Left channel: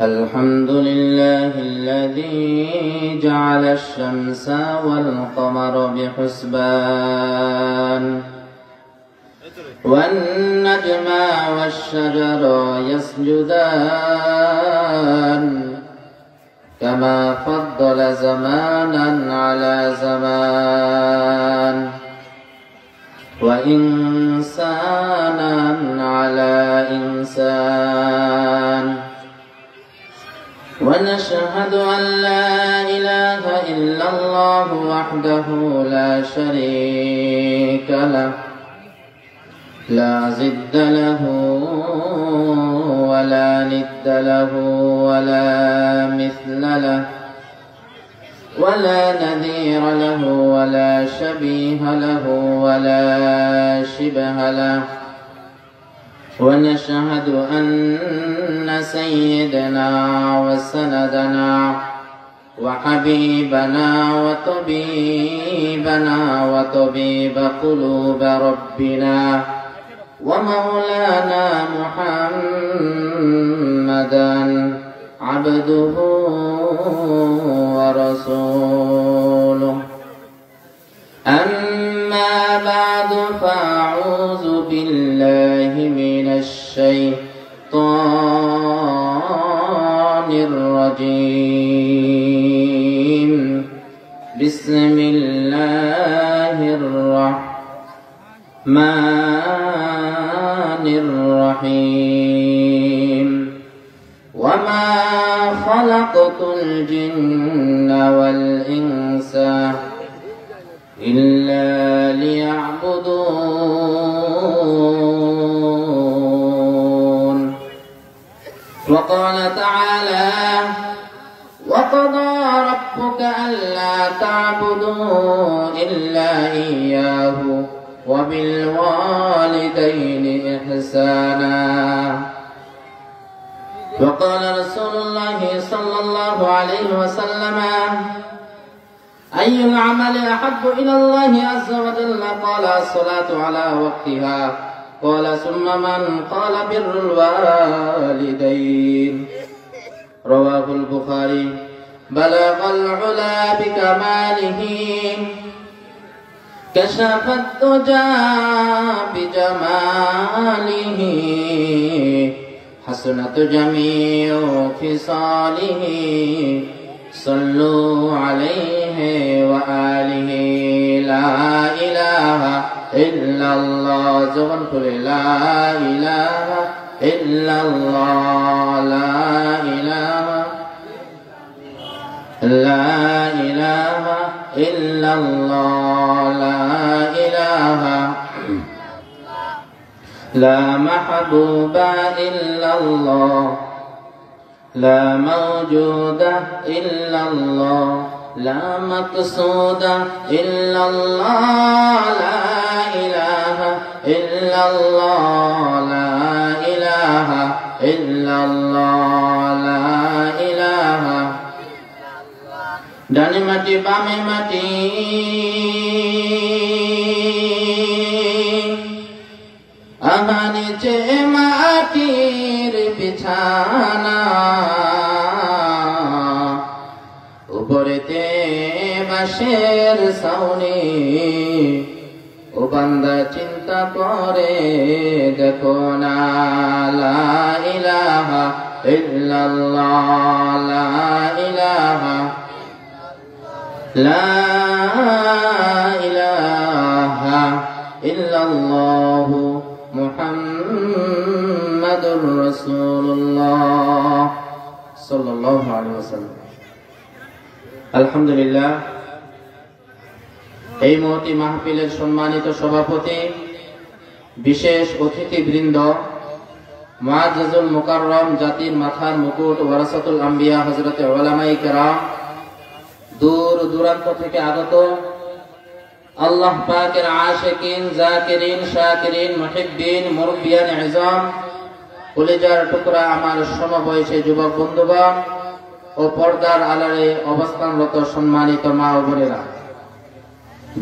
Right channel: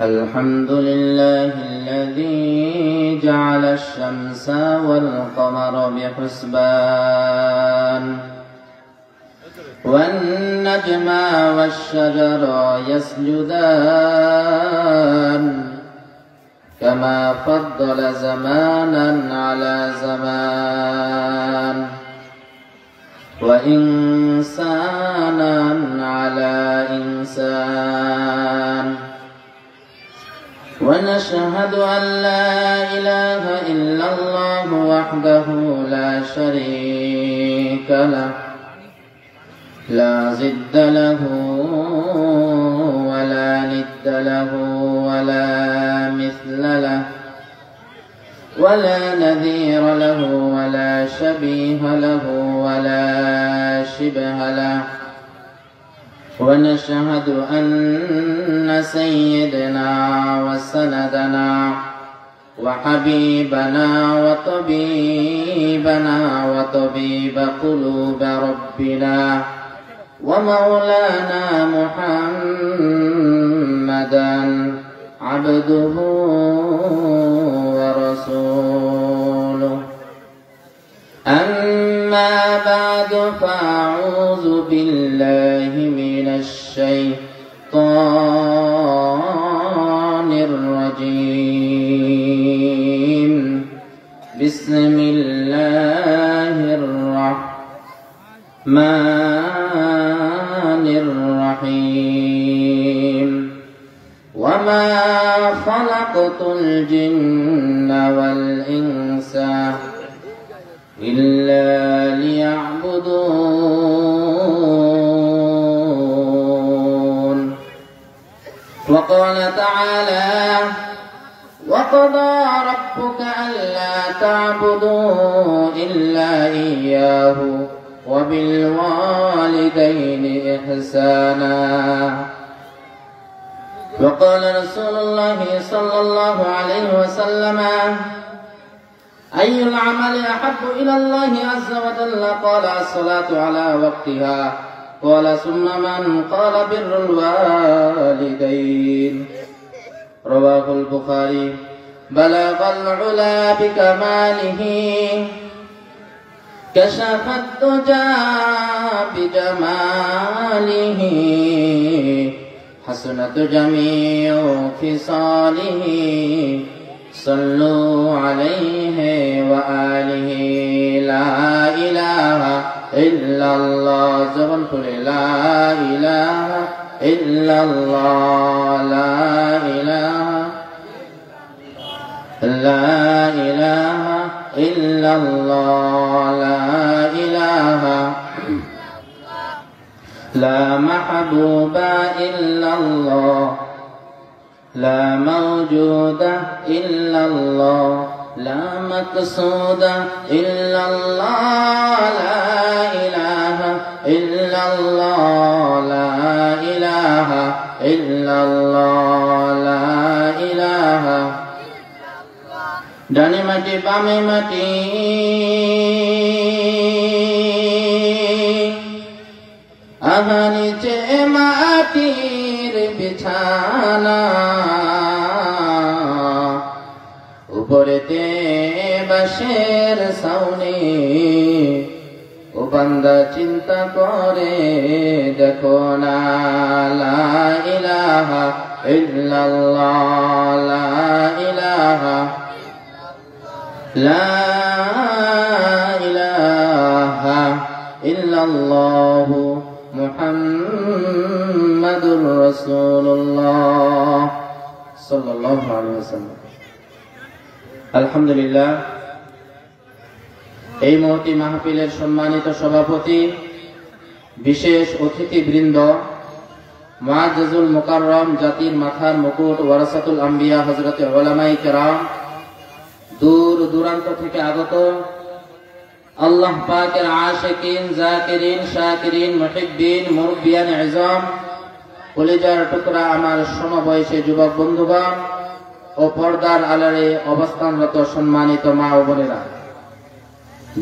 الحمد لله الذي جعل الشمس والقمر بحسبان والنجم والشجر يسجدان كما فضل زمانا على زمان وإنسانا على إنسان ونشهد أن لا إله إلا الله وحده لا شريك له لا ضد له ولا ند له ولا مثل له ولا نذير له ولا شبيه له ولا شبه له ونشهد أن سيدنا وسندنا وحبيبنا وطبيبنا وطبيب قلوب ربنا ومولانا محمدا عبده ورسوله أما بعد فأعوذ بالله من الشيطان الرجيم بسم الله الرحمن الرحيم وما خلقت الجن والإنس إلا ليعبدون وقال تعالى وقضى ربك ألا تعبدوا إلا إياه وبالوالدين إحسانا وقال رسول الله صلى الله عليه وسلم أي العمل أحب إلى الله عز وجل قال الصلاة على وقتها قال ثم من قال بر الوالدين رواه البخاري بلغ العلا بكماله كشف الدجى بجماله حسنت جميع خصاله صلوا عليه وآله لا إله إلا الله زبن قل لا إله إلا الله لا إله إلا الله لا إله لا محبوب إلا الله لا موجود إلا الله لا مقصود إلا الله لا إله إلا الله لا إله إلا الله لا إله ডানে মাটি বামে মাটি আমার নিচে মাটির বিছানা উপরেতে বাঁশের ছাউনি ও বান্দা চিন্তা করে দেখো না লা ইলাহা ইল্লাল্লাহ লা ইলাহা لا إله إلا الله محمد رسول الله صلى الله عليه وسلم الحمد لله এই মহতি মাহফিলের সম্মানিত সভাপতি বিশেষ অতিথিবৃন্দ মুআজ্জাজুল মুকাররম জাতির মাথার মুকুট ওয়ারাসাতুল আম্বিয়া হযরতে উলামায়ে কেরাম দূর দূরান্ত থেকে আগত আল্লাহ পাকের আশিকিন জাকিরিন শাকিরিন মুহিব্বিন মুরব্বিয়ান ইজাম কলিজার টুকরা আমার সমবয়সী যুবক বন্ধুগণ ও পর্দার আড়ালে অবস্থানরত সম্মানিত মা ও বোনেরা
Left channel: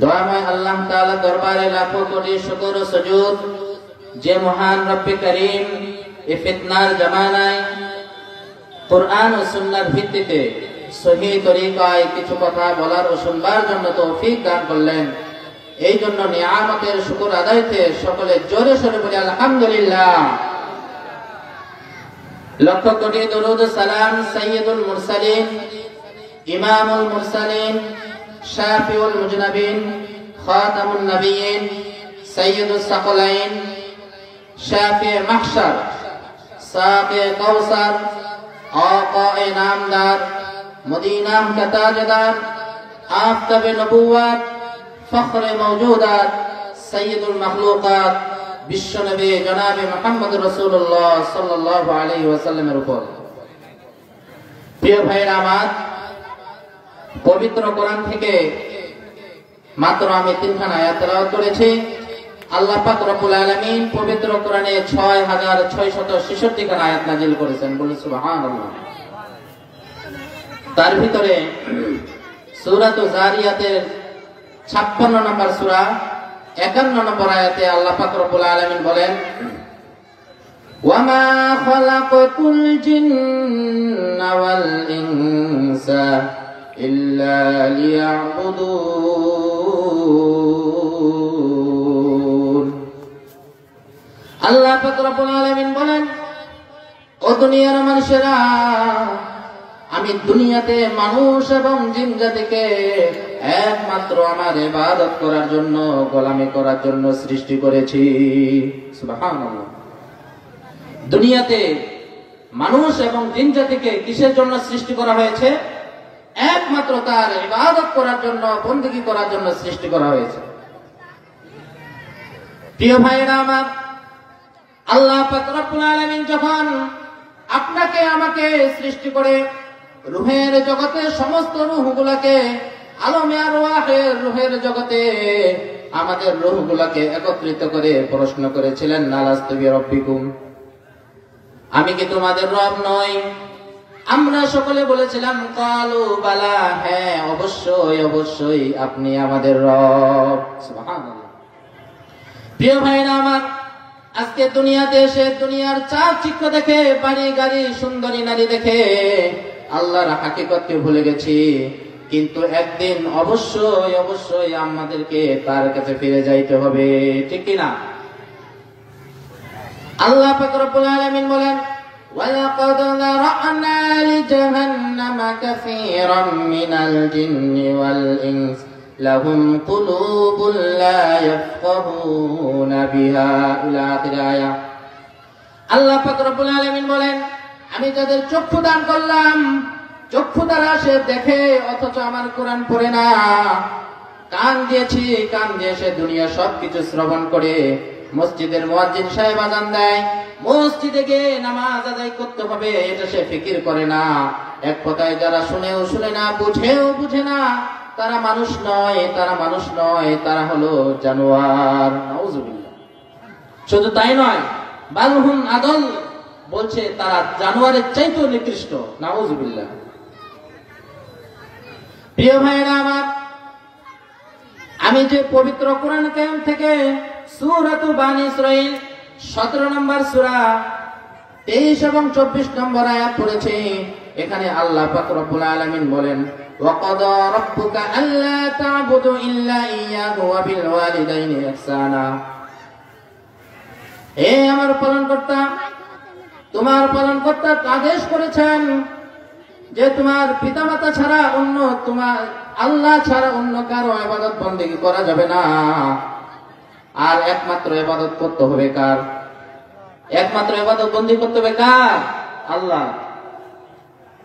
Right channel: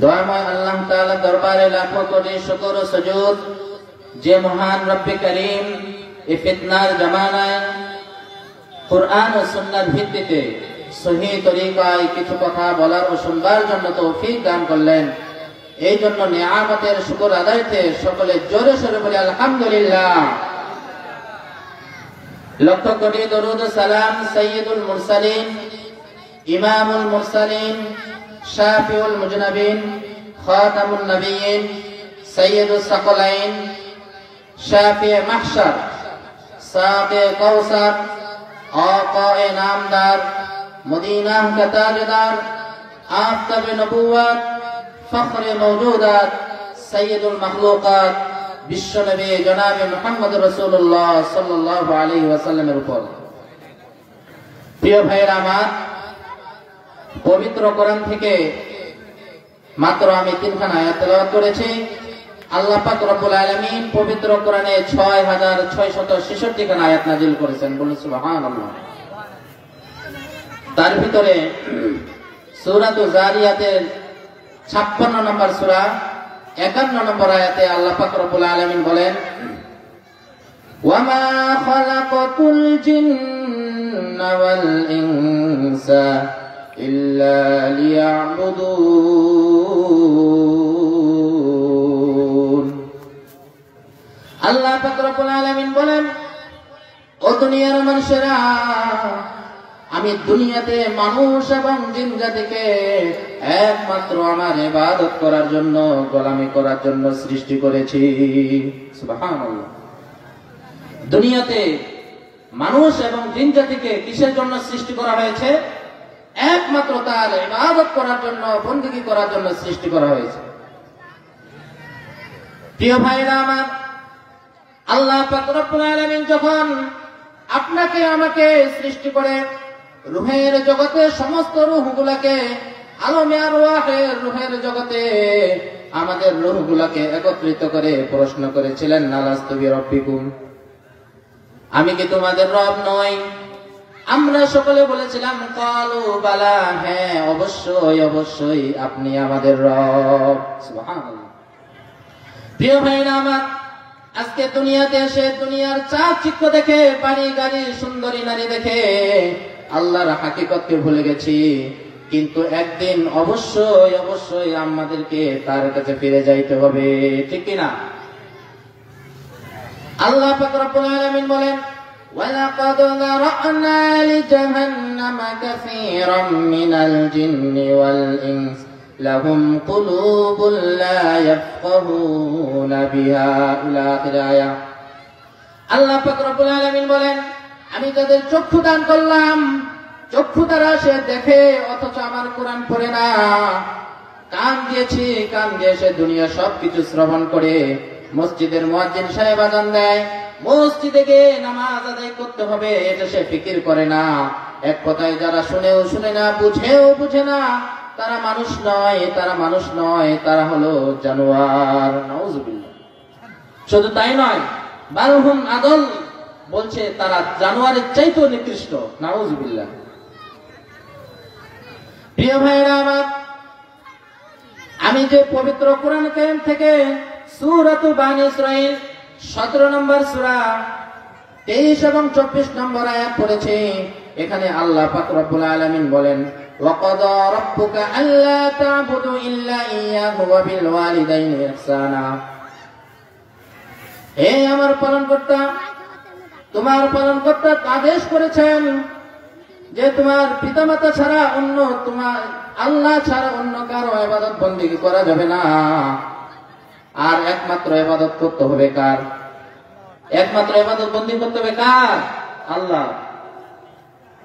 দয়াময় আল্লাহ তাআলা দরবারে লাখো কোটি শুকর ও সুজুদ যে মহান রব্বে করিম এই ফিতনার জামানায় কুরআন ও সুন্নাহর ভিত্তিতে সহিহ তরিকায় কিছু কথা বলার ও শুনবার জন্য তৌফিক দান করলেন। এই জন্য নিয়ামতের শুকর আদায়তে সকলে জোরে সোরে বলি আলহামদুলিল্লাহ। লক্ষ কোটি দরুদ ও সালাম সাইয়্যিদুল মুরসালিন, ইমামুল মুরসালিন, শাফিউল মুজনাবিন, খাতামুন নবিয়্যিন, সাইয়্যিদুস সাকলাইন, শাফি মাহশার, সাকে কাউসার, আকায়ে নামদার, মদিনার তাজদার, আফতাবে নবুওয়াত, ফখরে মওজুদাত, সাইয়্যিদুল মাখলুকাত, বিশ্বনবী জনাবে মুহাম্মদ রাসূলুল্লাহ সাল্লাল্লাহু আলাইহি ওয়াসাল্লামের উপর। প্রিয় ভাইয়েরা আমার, পবিত্র কোরআন থেকে মাত্র আমি 3খানা আয়াত তেলাওয়াত করেছি। আল্লাহ পাক রব্বুল আলামিন পবিত্র কোরআনে 6666 খানা আয়াত নাযিল করেছেন, বলে সুবহানাল্লাহ। তার ভিতরে সূরাতুল জারিয়াতের 56 নম্বর সূরা 51 নম্বর আয়াতে আল্লাহ পাক রব্বুল আলামিন বলেন, ওয়ামা খালাকাতুল জিন্না ওয়াল ইনসা ইল্লা লিয়াবুদুন। আল্লাহ পাক রব্বুল আলামিন বলেন, ও দুনিয়ার মানুষেরা, আমি দুনিয়াতে মানুষ এবং জিন জাতিকে একমাত্র আমার ইবাদত করার জন্য, গোলামি করার জন্য সৃষ্টি করেছি। সুবহানাল্লাহ। দুনিয়াতে মানুষ এবং জিন জাতিকে কিসের জন্য সৃষ্টি করা হয়েছে? একমাত্র তার ইবাদত করার জন্য, বندگی করার জন্য সৃষ্টি করা হয়েছে। প্রিয় ভাইরা আমার, আল্লাহ পাক রব্বুল আলামিন যখন আপনাকে আমাকে সৃষ্টি করে রূহের জগতে সমস্ত রূহগুলোকে, আলমে আরওয়াহের রূহের জগতে আমাদের রূহগুলোকে একত্রিত করে প্রশ্ন করেছিলেন, আলাস্তু বিরাব্বিকুম, আমি কি তোমাদের রব নই? আমরা সকলে বলেছিলাম কালু বালা, হ্যাঁ অবশ্যই অবশ্যই আপনি আমাদের রব। সুবহানাল্লাহ। প্রিয় ভাইরা আমার, আজকে দুনিয়াতে এসে দুনিয়ার চাকচিক্য দেখে, বাড়ি গাড়ি সুন্দরী নারী দেখে আল্লাহর হাকিকতকে ভুলে গেছি। কিন্তু একদিন অবশ্যই অবশ্যই আমাদেরকে তার কাছে ফিরে যাইতে হবে, ঠিক কিনা? আল্লাহ পাক রব্বুল আলামিন বলেন, ওয়ালাকাদ যারা'না লিজাহান্নামা কাসীরাম মিনাল জিন্নি ওয়াল ইনস লাহুম কুলুবুন লা ইয়াফকাহুনা বিহা, ইলা আখির আয়াত। আল্লাহ পাক রব্বুল আলামিন বলেন, আমি যাদের চক্ষু দান করলাম, চক্ষু দ্বারা সে দেখে অথচ আমার কোরআন পড়ে না। কান দিয়েছি, কান দিয়ে সে দুনিয়া সবকিছু শ্রবণ করে। মসজিদের মুয়াজ্জিন সাহেব আযান দেয়, মসজিদে গিয়ে নামাজ আদায় করতে হবে, এটা সে ফিকির করে না। এক কথায় যারা শুনেও শুনে না, বুঝেও বুঝে না, তারা মানুষ নয়, তারা মানুষ নয়, তারা হলো জানোয়ার। নাউযুবিল্লাহ। শুধু তাই নয়, বালহুম আদল, বলছে তারা জানোয়ারের চাইতেও নিকৃষ্ট। নাউযুবিল্লাহ। প্রিয় ভাইরা আমার, আমি যে পবিত্র কোরআন কারীম থেকে সূরাতুল বানী ইসরাঈল 17 নম্বর সূরা 23 এবং 24 নম্বর আয়াত পড়েছি। এখানে আল্লাহ পাক রব্বুল আলামিন বলেন, ওয়াকাদা রাব্বুকা আল্লা তা'বুদু ইল্লা ইয়্যাহু ওয়া বিল ওয়ালিদাইনি ইহসানা। হে আমার পালনকর্তা, তোমার পালনকর্তা আদেশ করেছেন যে তোমার পিতামাতা ছাড়া অন্য, তোমার আল্লাহ ছাড়া অন্য কারো ইবাদত বندگی করা যাবে না। আর একমাত্র ইবাদত করতে হবে কার? একমাত্র ইবাদত বندگی করতে হবে কার? আল্লাহ।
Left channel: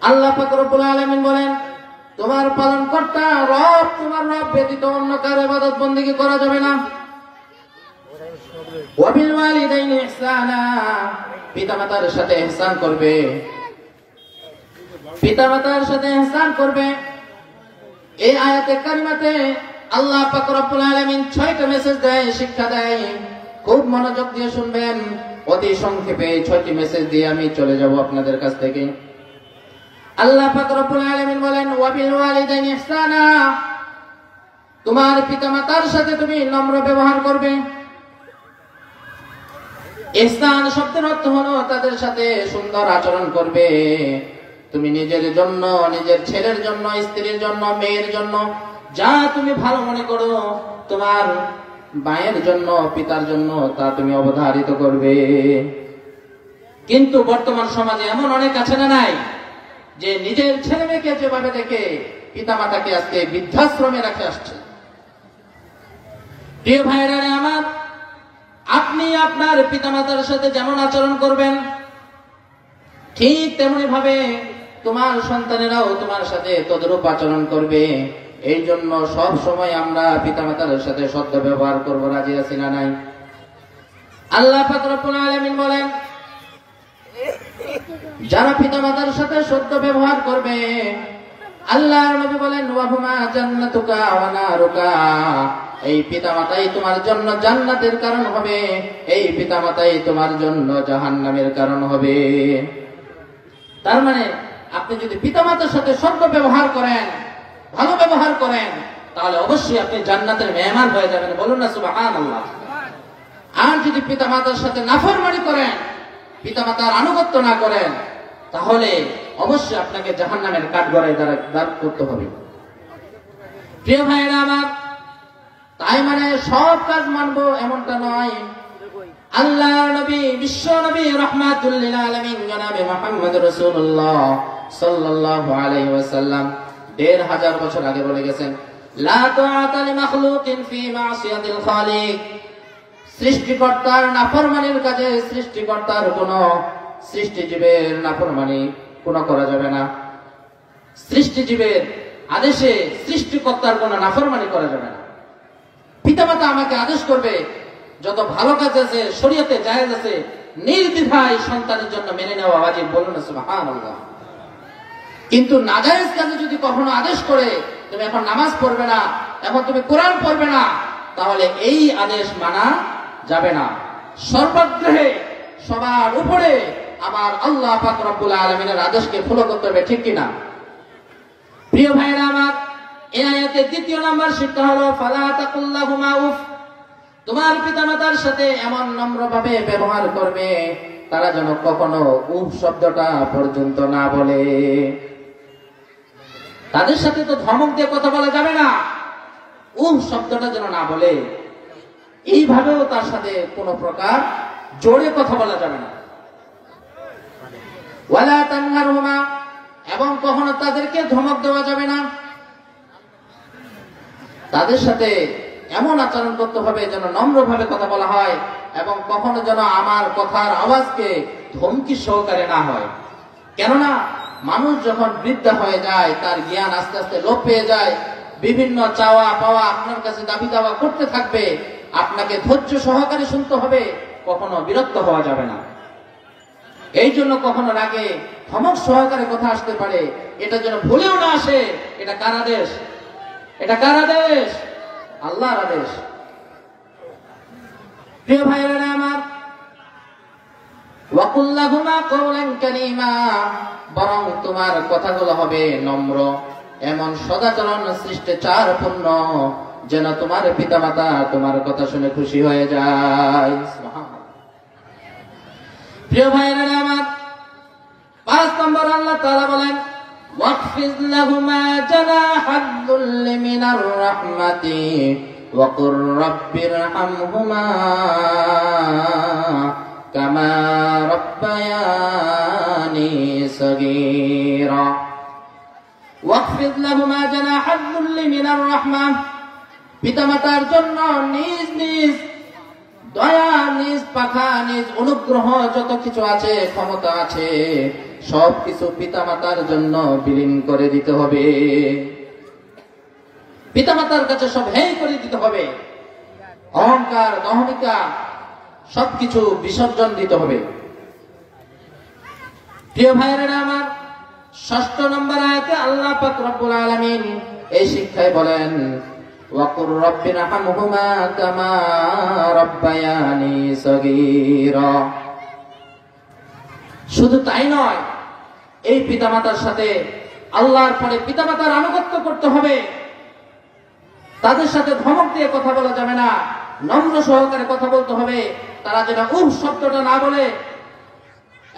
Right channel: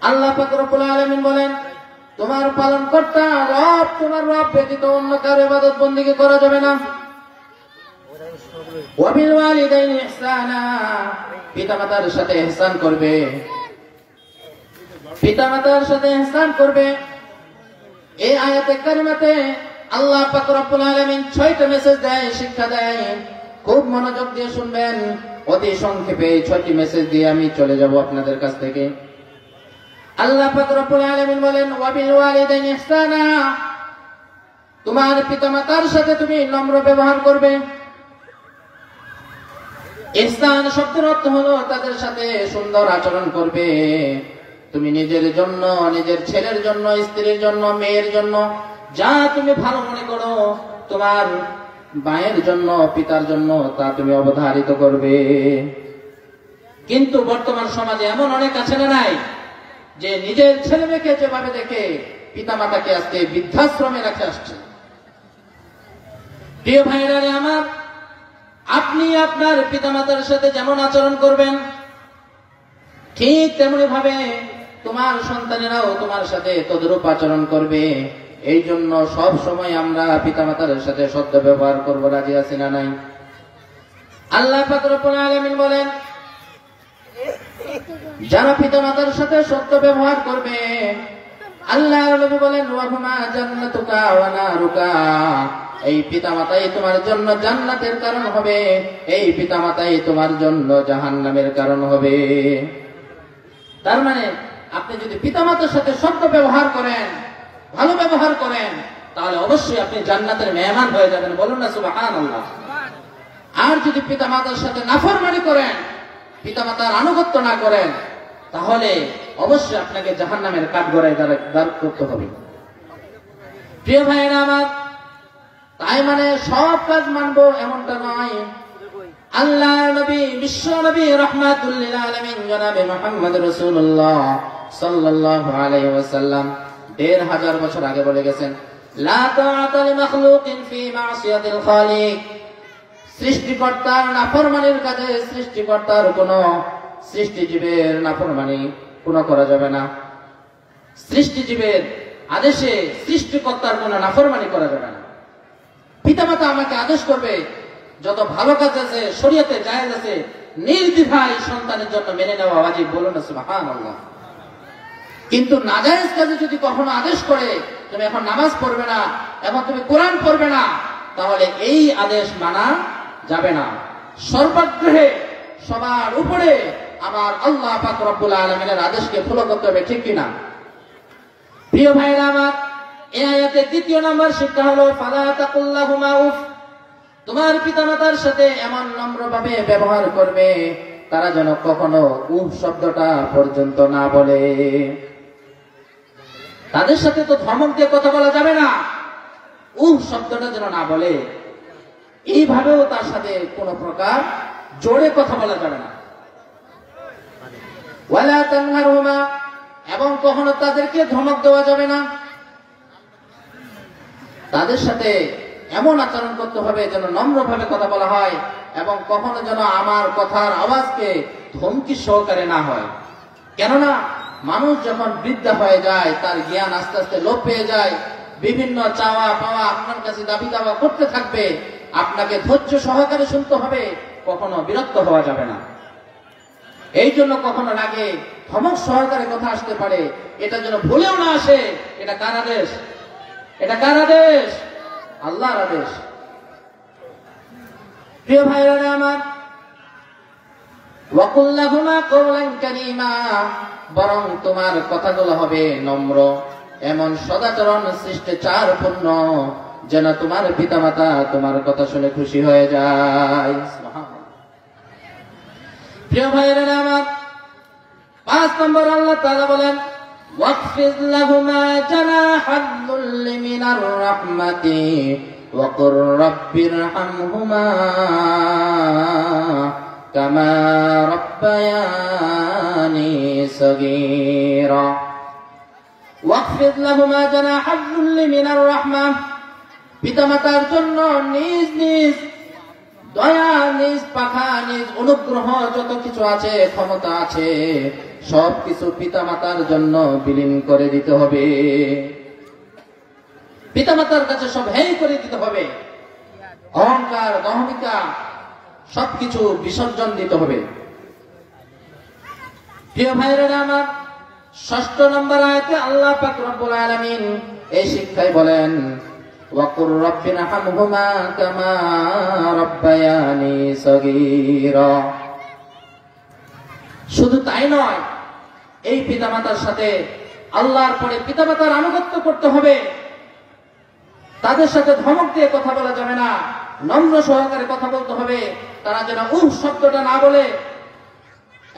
আল্লাহ পাক রব্বুল আলামিন বলেন, তোমার পালনকর্তা রব, তোমার রব ব্যতীত অন্য কারো ইবাদত বندگی করা যাবে না। ওয়া বিল ওয়ালিদাইনি ইহসানা, পিতামাতার সাথে ইহসান করবে, পিতামাতার সাথে ইহসান করবে। এই আয়াতে কারিমাতে আল্লাহ পাক রব্বুল আলামিন 6টা মেসেজ দেয়, শিক্ষা দেয়। খুব মনোযোগ দিয়ে শুনবেন। অতি সংক্ষেপে 6টি মেসেজ দিয়ে আমি চলে যাব আপনাদের কাছ থেকে। আল্লাহ পাক রব্বুল আলামিন বলেন, ওয়া বিল ওয়ালিদাইনি ইহসানা, তোমার পিতামাতার সাথে তুমি নম্র ব্যবহার করবে। ইহসান শব্দের অর্থ হলো তাদের সাথে সুন্দর আচরণ করবে। তুমি নিজের জন্য, নিজের ছেলের জন্য, স্ত্রীর জন্য, মেয়ের জন্য যা তুমি ভালো মনে করো, তোমার মায়ের জন্য, পিতার জন্য তা তুমি অবধারিত করবে। কিন্তু বর্তমান সমাজে এমন অনেক আছে না নাই, যে নিজের ছেলে মেয়েকে যেভাবে দেখে পিতা মাতাকে আজকে বৃদ্ধাশ্রমে রেখে আসছে। প্রিয় ভাইরা আমার, আপনি আপনার পিতামাতার সাথে যেমন আচরণ করবেন, ঠিক তেমনি ভাবে তোমার সন্তানেরাও তোমার সাথে তদরূপ আচরণ করবে। এই জন্য সব সময় আমরা পিতামাতার সাথে সদ্য ব্যবহার করবো। রাজি আছি না নাই? আল্লাহ পাক রব্বুল আলামিন বলেন, যারা পিতামাতার সাথে সদ্য ব্যবহার করবে, আল্লাহর নবী বলেন, ওয়াহুমা জান্নাতুকা ওয়া নারুকা, এই পিতামাতাই তোমার জন্য জান্নাতের কারণ হবে, এই পিতামাতাই তোমার জন্য জাহান্নামের কারণ হবে। তার মানে আপনি যদি পিতামাতার সাথে সদ্য ব্যবহার করেন, ভালো ব্যবহার করেন, তাহলে অবশ্যই আপনি জান্নাতের মেহমান হয়ে যাবেন। বলুন না সুবহানাল্লাহ। আর যদি পিতামাতার সাথে নাফরমানি করেন, পিতামাতার আনুগত্য না করেন, তাহলে অবশ্যই আপনাকে জাহান্নামের কাঠগড়ায় দাঁড় করতে হবে। প্রিয় ভাইরা আমার, তাই মানে সব কাজ মানবো এমনটা নয়। আল্লাহর নবী, বিশ্ব নবী রাহমাতুল লিল আলামিন জনাবে মুহাম্মদ রাসূলুল্লাহ সাল্লাল্লাহু আলাইহি ওয়াসাল্লাম ১৫০০ বছর আগে বলে গেছেন, লা তাআতা লিমাখলুকিন ফি মাসিয়াতিল খালিক, সৃষ্টিকর্তার নাফরমানির কাজে সৃষ্টিকর্তার কোন সৃষ্টিজীবের নাফরমানি কোন করা যাবে না। সৃষ্টিজীবের আদেশে সৃষ্টিকর্তার কোন নাফরমানি করা যাবে না। পিতামাতা আমাকে আদেশ করবে, যত ভালো কাজ আছে, শরীয়তে জায়েজ আছে, নির্দ্বিধায় সন্তানের জন্য মেনে নেওয়া ওয়াজিব। বলুন না সুবহানাল্লাহ। কিন্তু নাজায়েজ কাজে যদি কখনো আদেশ করে, তুমি এখন নামাজ পড়বে না, এখন তুমি কোরআন পড়বে না, তাহলে এই আদেশ মানা যাবে না। সর্বাগ্রহে সবার উপরে আমার আল্লাহ পাক রব্বুল আলামিনের আদেশকে ফলো করতে হবে, ঠিক কিনা? প্রিয় ভাইরা আমার, এই আয়াতের দ্বিতীয় নাম্বার শিক্ষা হলো, ফালা তাকুল লাহুমা উফ, তোমার পিতামাতার সাথে এমন নম্রভাবে ব্যবহার করবে, তারা যেন কখনো উফ শব্দটা পর্যন্ত না বলে। তাদের সাথে তো ধমক দিয়ে কথা বলা যাবে না, উফ শব্দটা যেন না বলে। এইভাবেও তার সাথে কোন প্রকার জোরে কথা বলা যাবে না। ওয়ালা তানহারহুমা, এবং কখনো তাদেরকে ধমক দেওয়া যাবে না। তাদের সাথে এমন আচরণ করতে হবে যেন নম্রভাবে কথা বলা হয়, এবং কখনো যেন আমার কথার আওয়াজকে ধমকি সহকারে না হয়। কেননা মানুষ যখন বৃদ্ধা হয়ে যায়, তার জ্ঞান আস্তে আস্তে লোপ পেয়ে যায়, বিভিন্ন চাওয়া পাওয়া আপনার কাছে দাবি দাওয়া করতে থাকবে, আপনাকে ধৈর্য সহকারে শুনতে হবে, কখনো বিরক্ত হওয়া যাবে না। এই জন্য কখনো রাগে ধমক সহকারে কথা আসতে পারে, এটা যেন ভুলেও না আসে। এটা কার আদেশ? এটা কার আদেশ? আল্লাহর আদেশ। প্রিয় ভাইরা আমার, ওয়াকুল লাহুমা কওলান কারীমা, বরং তোমার কথাগুলো হবে নম্র, এমন সদাচরণ শিষ্টাচারপূর্ণ, যেন তোমার পিতামাতা তোমার কথা শুনে খুশি হয়ে যায়। প্রিয় ভাইরা আমার, ৫ নম্বর আল্লাহ তাআলা বলেন, ওয়াকফিদ লাহুমা জানাহাদ যুল্লি মিনার রাহমাতি ওয়াকুর রাব্বিরহামহুমা কামা রাব্বায়ানি সগীরা। ওয়াকফিদ লাহুমা জানাহাদ যুল্লি মিনার রাহমাহ, পিতামাতার জন্য নিজ নিজ দয়া, নিজ পাখা, নিজ অনুগ্রহ, যত কিছু আছে, ক্ষমতা আছে, সবকিছু পিতামাতার জন্য বিলীন করে দিতে হবে। পিতামাতার কাছে সব হেয় করে দিতে হবে। অহংকার, দহমিকা সবকিছু বিসর্জন দিতে হবে। প্রিয় ভাইরা আমার, ৬ষ্ঠ নম্বর আয়াতে আল্লাহ পাক রব্বুল আলামিন এই শিক্ষায় বলেন, ওয়াকুর রাব্বিরহামহুমা কামা রাব্বায়ানি সগীরা। শুধু তাই নয়, এই পিতামাতার সাথে আল্লাহর পরে পিতামাতার আনুগত্য করতে হবে। তাদের সাথে ধমক দিয়ে কথা বলা যাবে না, নম্র সহকারে কথা বলতে হবে। তারা যেন উহ শব্দটা না বলে,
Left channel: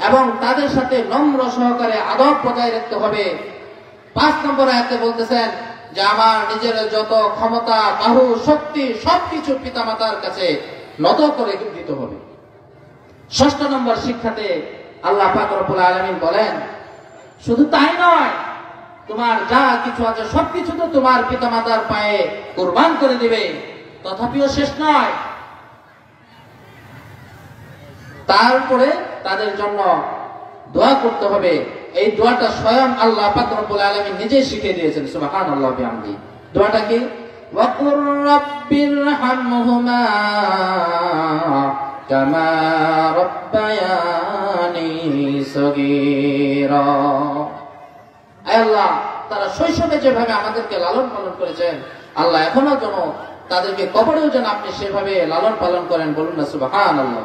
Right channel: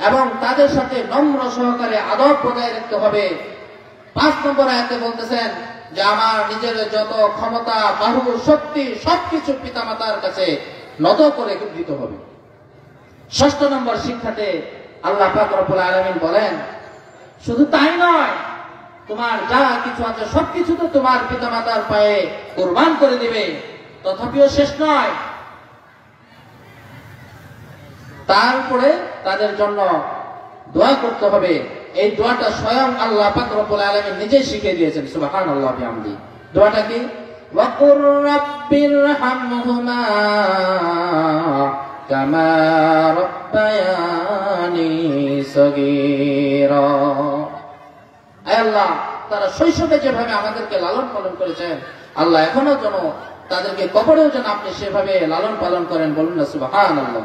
এবং তাদের সাথে নম্র সহকারে আদব বজায় রাখতে হবে। 5 নম্বর আয়াতে বলতেছেন যে আমার নিজের যত ক্ষমতা, বাহু, শক্তি সবকিছু পিতামাতার কাছে নত করে দিতে হবে। 6 নম্বর শিক্ষাতে আল্লাহ পাক রব্বুল আলামিন বলেন, শুধু তাই নয়, তোমার যা কিছু আছে সবকিছু তো তোমার পিতামাতার পায়ে কুরবান করে দিবে। তথাপিও শেষ নয়, তারপরে তাদের জন্য দোয়া করতে হবে। এই দোয়াটা স্বয়ং আল্লাহ পাক রব্বুল আলামিন নিজেই শিখিয়ে দিয়েছেন। সুবহানাল্লাহ বিহামদি। দোয়াটা কি? ওয়াকুর রাব্বিরহামহুমা কামা রাব্বায়ানি সগীরা। আয় আল্লাহ, তারা শৈশবে যেভাবে আমাদেরকে লালন পালন করেছেন, আল্লাহ এখনো যেন তাদেরকে কবরেও যেন আপনি সেভাবে লালন পালন করেন। বলুন না সুবহানাল্লাহ।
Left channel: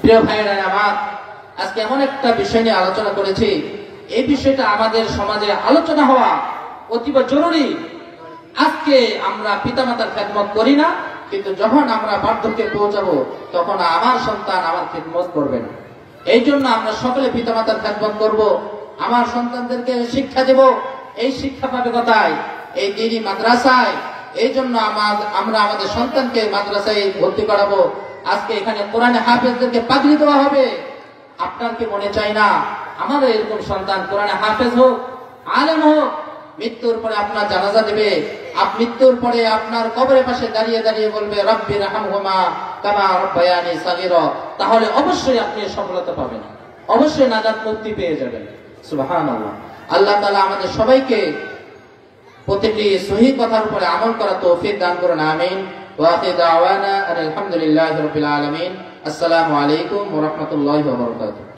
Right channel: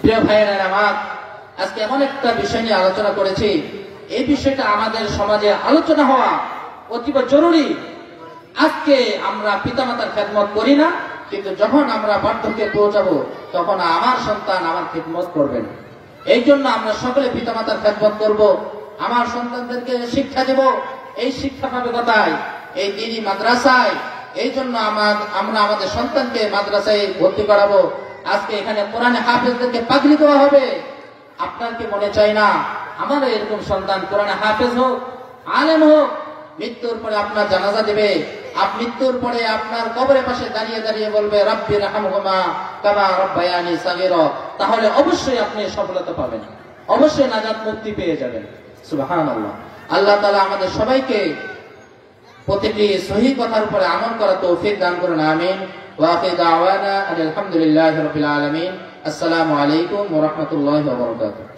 প্রিয় ভাইয়েরা আমার, আজকে এমন একটা বিষয় নিয়ে আলোচনা করেছি, এই বিষয়টা আমাদের সমাজে আলোচনা হওয়া অতীব জরুরি। আজকে আমরা পিতামাতার খেদমত করি না, কিন্তু যখন আমরা বার্ধক্যে পৌঁছাবো তখন আমার সন্তান আমার খেদমত করবেন। এই জন্য আমরা সকলে পিতামাতার খেদমত করব, আমার সন্তানদেরকে শিক্ষা দেব। এই শিক্ষা পাবে কোথায়? এই দিনী মাদ্রাসায়। এই জন্য আমরা আমাদের সন্তানকে মাদ্রাসায় ভর্তি করাবো। আজকে এখানে কোরআনে হাফেজদেরকে পাগড়ি করা হবে। আপনার কি মনে চাই না আমাদের এরকম সন্তান কোরআনে হাফেজ হোক, আলেম হোক? মৃত্যুর পরে আপনার জানাজা দিবে, মৃত্যুর পরে আপনার কবরের পাশে দাঁড়িয়ে দাঁড়িয়ে বলবে রব্বিরহামহুমা কামা রাব্বায়ানি সগীরা। তাহলে অবশ্যই আপনি সফলতা পাবেন, অবশ্যই নাজাত মুক্তি পেয়ে যাবেন। সুবহানাল্লাহ। আল্লাহ তাআলা আমাদের সবাইকে প্রতিটি সহিহ কথার উপরে আমল করার তৌফিক দান করুন। আমিন। ওয়া আখিরু দাওয়ানা আলহামদুলিল্লাহি রাব্বিল আলামিন। আসসালামু আলাইকুম ওয়া রাহমাতুল্লাহি ওয়া বারাকাতুহু।